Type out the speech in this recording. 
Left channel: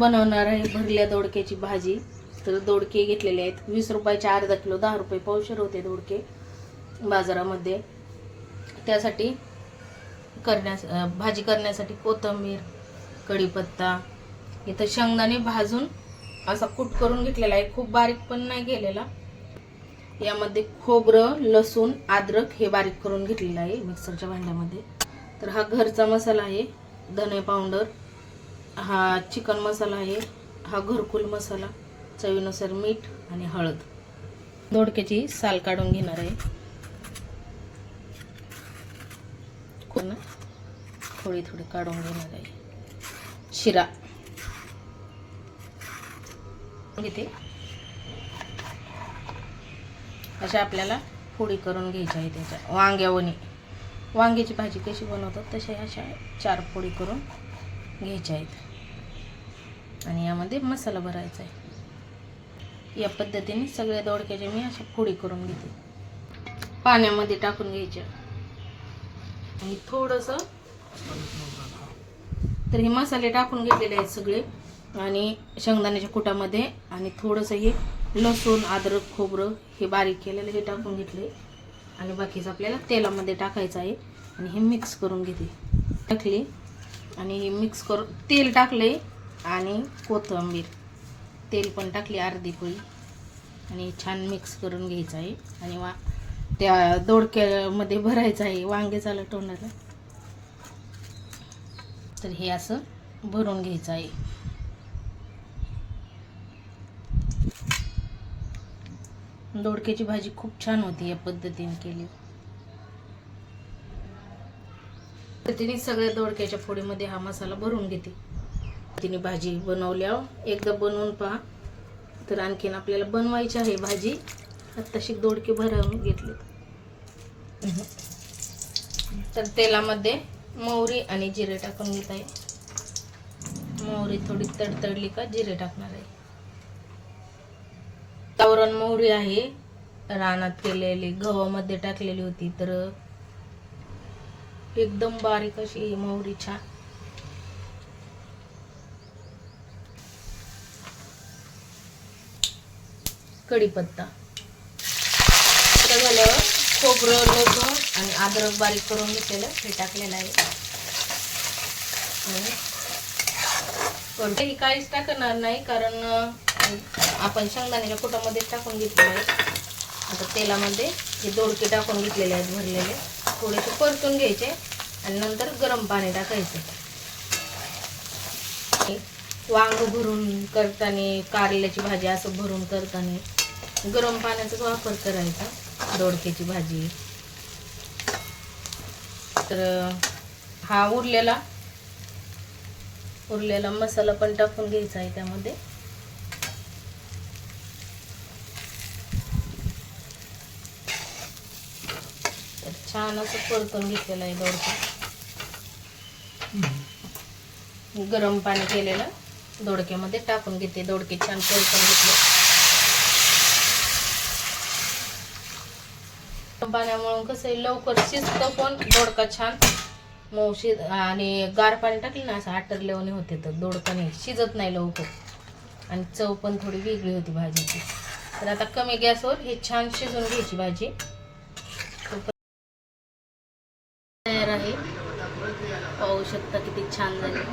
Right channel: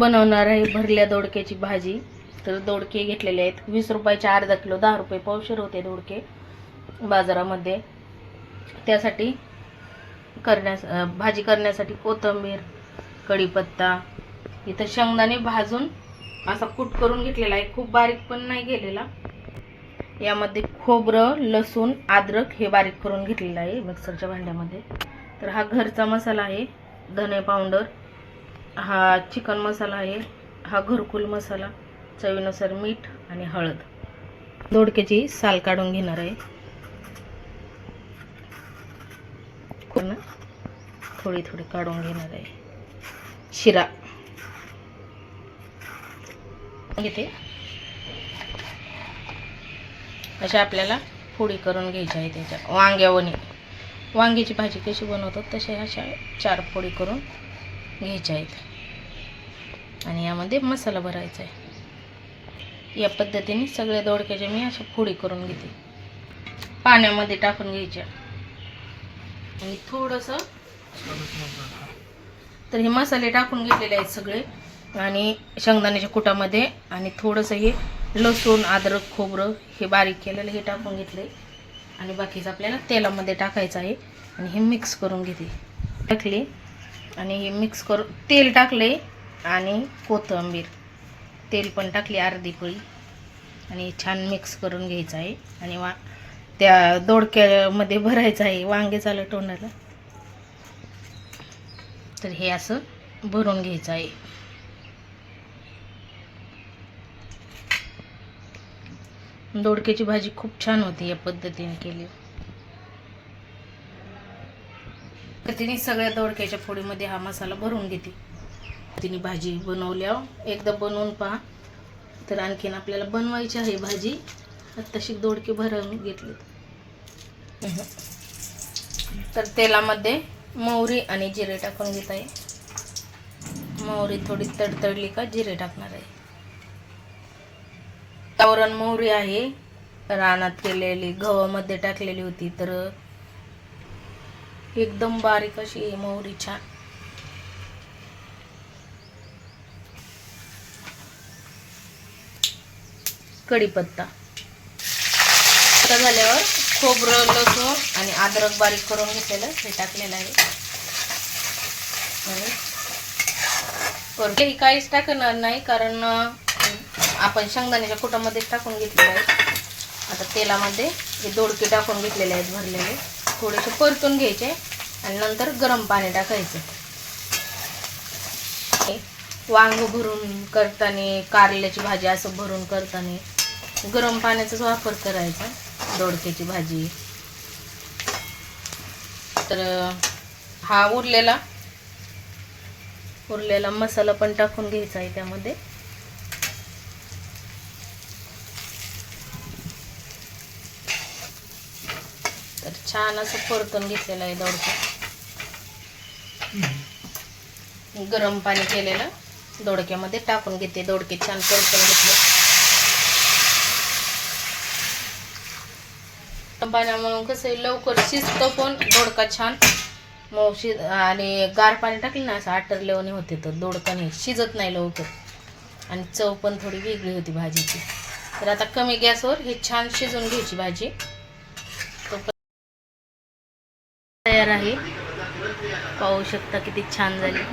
बनवणार आहे भरल्या दोडक्याची भाजी. तर दोडके घेतलेले आहेत. वीस रुपयाचे अर्धा किलो दहा रुपये पावशेर होते दोडके बाजारामध्ये. त्यासाठी करण्यास भाजी करण्यासाठी कोथिंबीर कढीपत्ता इथं शेंगदाणे भाजून असा कूट करून घेतलेला आहे. खूप बारीक पण नाही गेलेला. यामध्ये खोबरं लसूण अद्रक हे बारीक करून घेतलेलं आहे मिक्सरच्या भांड्यामध्ये. तर हा घरचा मसाला आहे. धने पावडर हा चिकन मसाला आहे हा घरकुल मसाला चवीनुसार मीठ आणि हळद. दोडक्याची साल काढून घेणार आहे. पूर्ण थोडी थोडी काढून घेणार आहे. शिरा. घेते. अशा आपल्याला फोडी करून घ्यायच्या आहे त्याच्या. वांग्यावणी. वांग्याची भाजी कशी बनवतात तशा अशा चार फोडी करून घ्यायच्या आहेत. आणि यामध्ये मसाला भरायचा आहे. या पद्धतीने सगळ्या दोडक्याच्या मी अशा फोडी करून घेते. पाण्यामध्ये टाकून घ्यायच्या. आणि थोडंसं तर हे मसाले टाकून घेतलेले आहेत सगळे. आणि शेंगदाण्याच्या कुटामध्ये आणि थोडंसं हे लसूण अद्रक खोबरं हे बारीक केलेलं हे टाकून घेतले. आणि बाकीचं आपल्याला तेलामध्ये टाकायचं आहे. आणि हे मिक्स करून घेते. टाकले. आणि हे मिक्स करून तेल टाकले आणि कोथिंबीर. तेल पण टाकली अर्धी पोळी आणि छान मिक्स करून घ्यायचं आहे. आणि वा त्या दोडक्यामध्ये भरायचं आहे वांगे लटवण्याला तर हे असं भरून घ्यायचं आहे. दोडक्याची भाजी खूप छान होती या पद्धतीने केली. तिने सगळ्या दोडक्याच्या फोडीमध्ये हा मसाला भरून घेते तिने भाजी बनवल्यावर एकदा बनवून पहा. तर आणखीन आपल्याला बनवायची आहे भाजी. तशी दोडके भरून घेतले. तर तेलामध्ये मोहरी आणि जिरे टाकून घेत आहे. मोहरी थोडी तडतडली का जिरे टाकणार आहे. गावरान मोहरी आहे. रानात केलेली गव्हामध्ये टाकलेली होती तर एकदम बारीक अशी मोहरी छान. कढीपत्ता. आता झाल्यावर खोबरं लसूण आणि अद्रक बारीक करून घेतलेलं हे टाकलेलं आहे. आणि काहीच टाकणार नाही कारण आपण शेंगदाण्याच्या कुटामध्येच टाकून घेतलेलं आहे. आता तेलामध्ये हे दोडके टाकून घेतलेले आहेत भरलेले. थोडेसे परतून घ्यायचे आणि नंतर गरम पाणी टाकायचे. वांग भरून करताना कारल्याची भाजी असं भरून करताना गरम पाण्याचाच वापर करायचा दोडक्याची भाजी. तर हा उरलेला उरलेला मसाला पण टाकून घ्यायचा आहे त्यामध्ये तर छान असं परतून घेतलेलं आहे दोडके. गरम पाणी केलेलं दोडक्यामध्ये टाकून घेते. दोडके छान परतून घेतले. गरम पाण्यामुळे कसं आहे, लवकर शिजतो पण दोडका छान. मऊ शिज आणि गार पाणी टाकलं ना असं आटरलेवणी होते तर दोडका नाही शिजत नाही लवकर. आणि चव पण थोडी वेगळी होती भाजीची. तर आता कमी गॅसवर हे छान शिजवून घ्यायची भाजी. शकता किती छान झाली.